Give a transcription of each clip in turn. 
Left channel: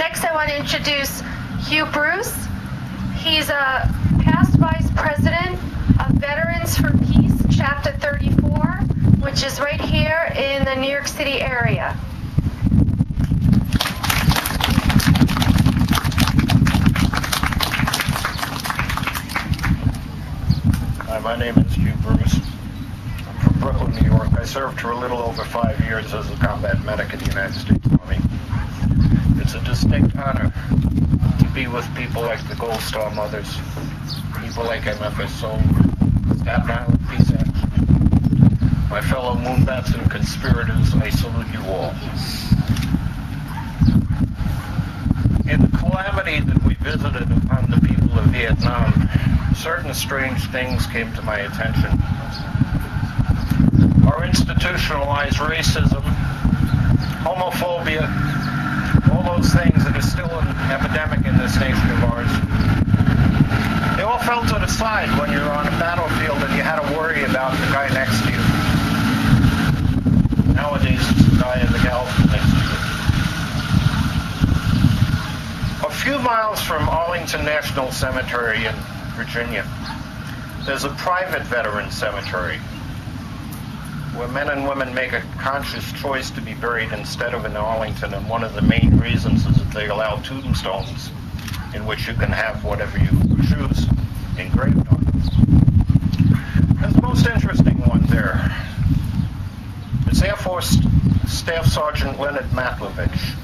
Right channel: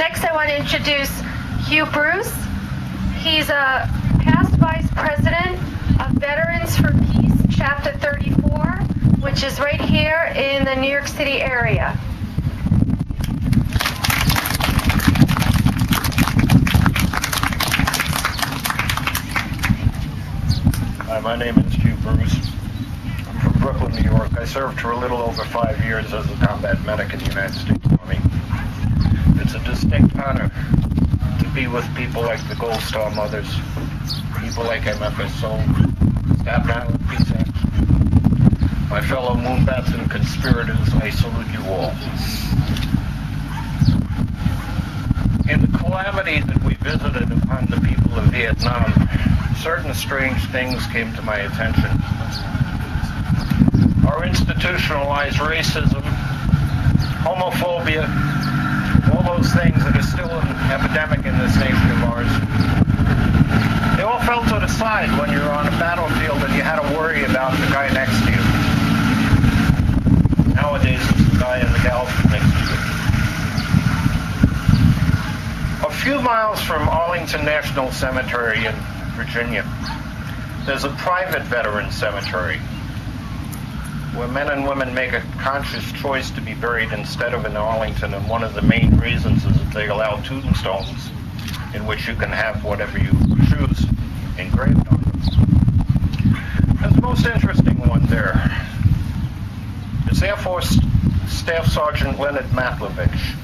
Next, I want to introduce Hugh Bruce. He's a past Vice President of Veterans for Peace, Chapter 34, which is right here in the New York City area. Hi, my name is Hugh Bruce. I'm from Brooklyn, New York. I served for a little over 5 years as a combat medic in the United States Army. It's a distinct honor to be with people like the Gold Star Mothers, people like MFSO, Staten Island Peace Action. My fellow moonbats and conspirators, I salute you all. In the calamity that we visited upon the people of Vietnam, certain strange things came to my attention. Our institutionalized racism, homophobia, all those things that are still an epidemic in this nation of ours, they all fell to the side when you're on a battlefield and you had to worry about the guy next to you. Nowadays, it's the guy in the gal next to you. A few miles from Arlington National Cemetery in Virginia, there's a private veteran cemetery where men and women make a conscious choice to be buried instead of in Arlington, and one of the main reasons is that they allow tombstones in which you can have whatever you choose engraved on them. There's the most interesting one there. It's Air Force Staff Sergeant Leonard Matlovich.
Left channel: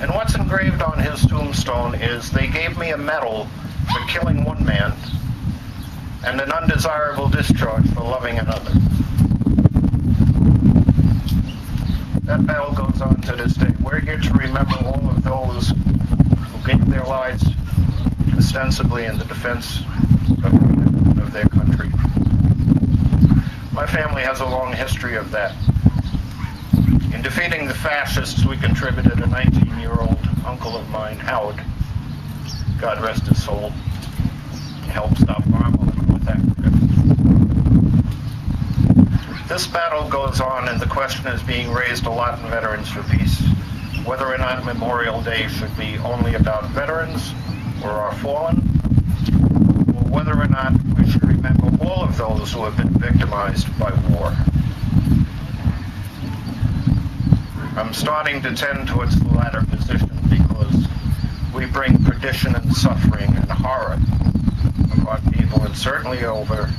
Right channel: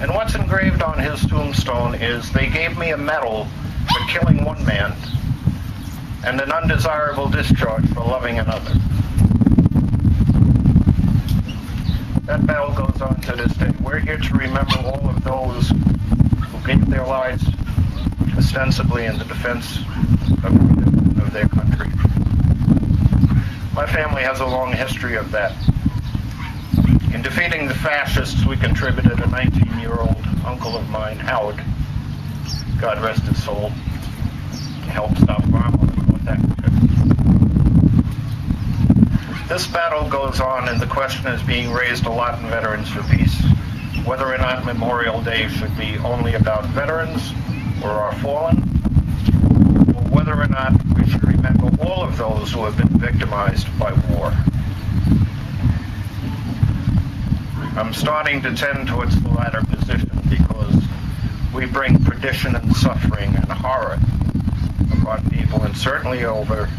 And what's engraved on his tombstone is, they gave me a medal for killing one man and an undesirable discharge for loving another. That battle goes on to this day. We're here to remember all of those who gave their lives ostensibly in the defense of freedom and of their country. My family has a long history of that. In defeating the fascists, we contributed a 19-year-old uncle of mine, Howard, God rest his soul, to help stop Rommel in North Africa. This battle goes on, and the question is being raised a lot in Veterans for Peace, whether or not Memorial Day should be only about veterans or our fallen, or whether or not we should remember all of those who have been victimized by war. I'm starting to tend towards the latter position because we bring perdition and suffering and horror upon people, and certainly over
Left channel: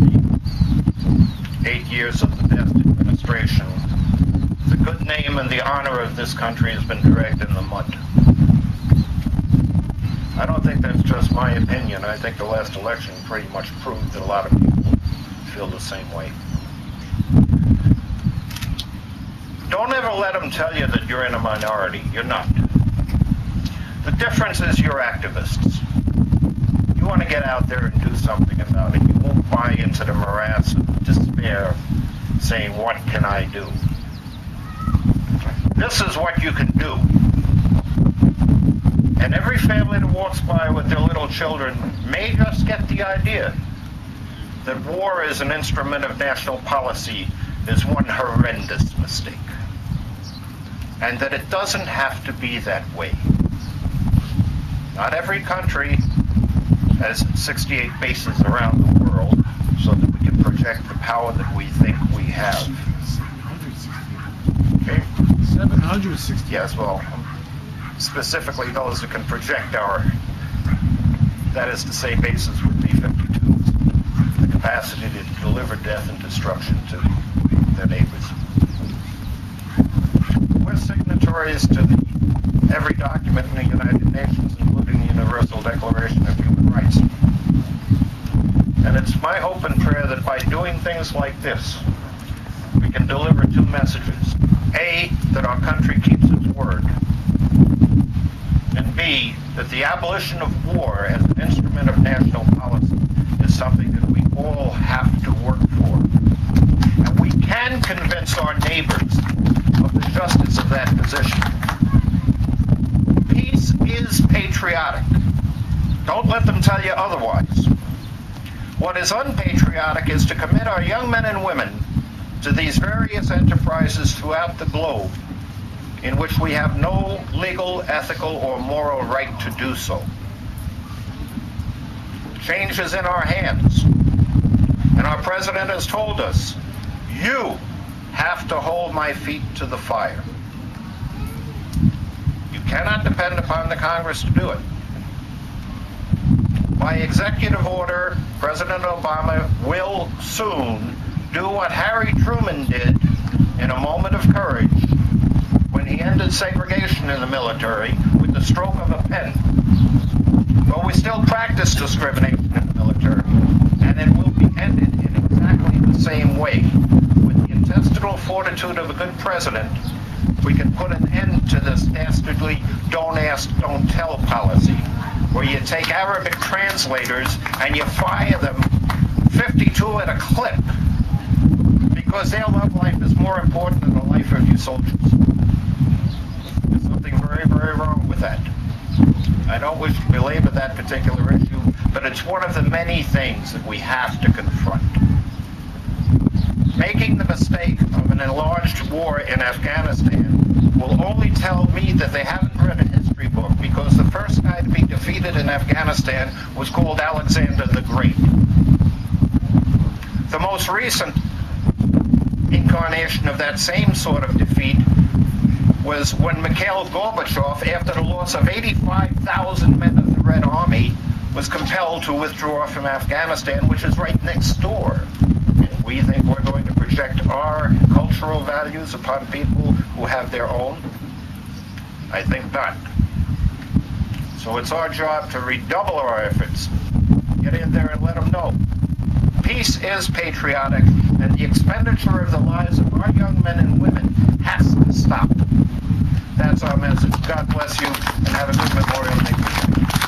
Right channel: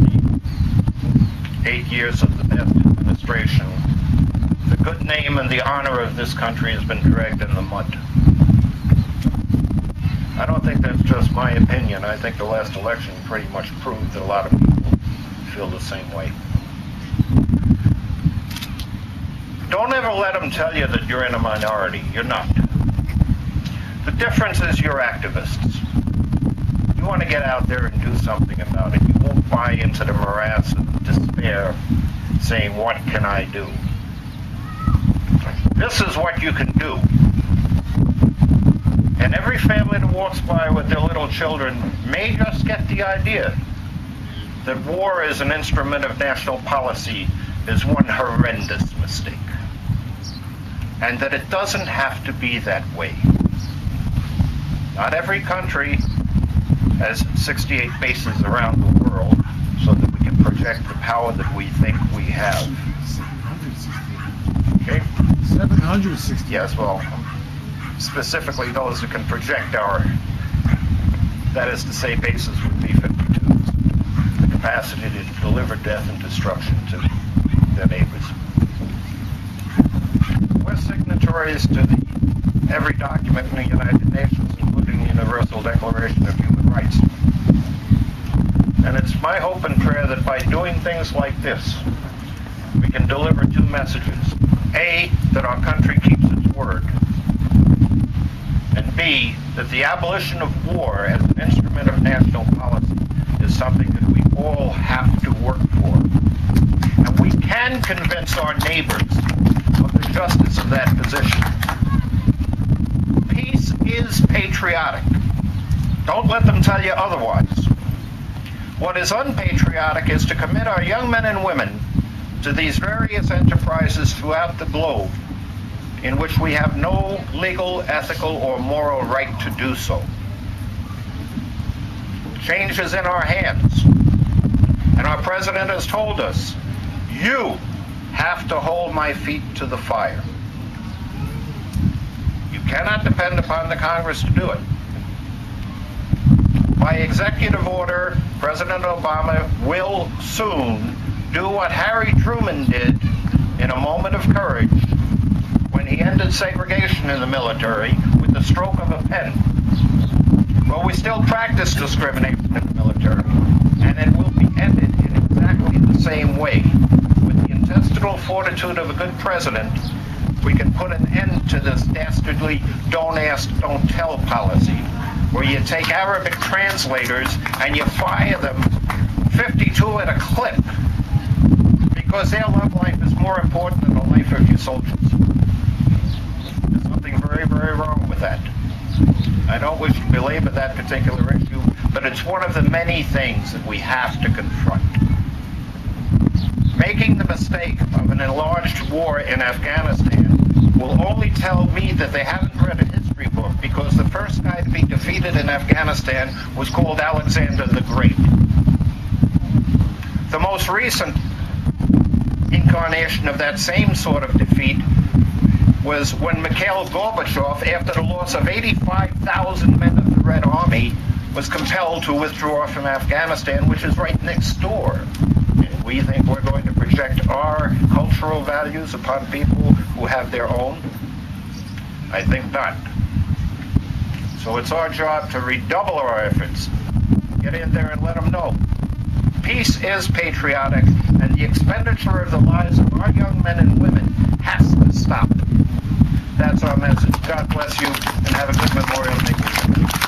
the 8 years of the past administration, the good name and the honor of this country has been dragged in the mud. I don't think that's just my opinion. I think the last election pretty much proved that a lot of people feel the same way. Don't ever let them tell you that you're in a minority. You're not. The difference is you're activists. You want to get out there and do something about it. You won't buy into the morass of despair saying, what can I do? This is what you can do. And every family that walks by with their little children may just get the idea that war is an instrument of national policy is one horrendous mistake. And that it doesn't have to be that way. Not every country has 68 bases around the world so that we can project the power that we think we have. 760. Okay? 760. Yes, well, specifically those that can project our, that is to say, bases would be 52s, the capacity to deliver death and destruction to their neighbors. We're signatories to every document in the United Nations, including the Universal Declaration of Human Rights. And it's my hope and prayer that by doing things like this, we can deliver two messages. A, that our country keeps its word. And B, that the abolition of war as an instrument of national policy is something that we all have to work for. And we can convince our neighbors of the justice of that position. Peace is patriotic. Don't let them tell you otherwise. What is unpatriotic is to commit our young men and women to these various enterprises throughout the globe in which we have no legal, ethical, or moral right to do so. Change is in our hands. And our president has told us, you have to hold my feet to the fire. You cannot depend upon the Congress to do it. By executive order, President Obama will soon do what Harry Truman did in a moment of courage when he ended segregation in the military with the stroke of a pen. Well, we still practice discrimination in the military, and it will be ended in exactly the same way. With the intestinal fortitude of a good president, we can put an end to this dastardly don't ask, don't tell policy, where you take Arabic translators and you fire them 52 at a clip because their love life is more important than the life of your soldiers. There's something very, very wrong with that. I don't wish to belabor that particular issue, but it's one of the many things that we have to confront. Making the mistake of an enlarged war in Afghanistan will only tell me that they haven't read a history book, because the first guy to be defeated in Afghanistan was called Alexander the Great. The most recent incarnation of that same sort of defeat was when Mikhail Gorbachev, after the loss of 85,000 men of the Red Army, was compelled to withdraw from Afghanistan, which is right next door. And we think we're going to project our cultural values upon people who have their own? I think not. So it's our job to redouble our efforts. Get in there and let them know. Peace is patriotic, and the expenditure of the lives of our young men and women has to stop. That's our message. God bless you, and have a good Memorial Day weekend.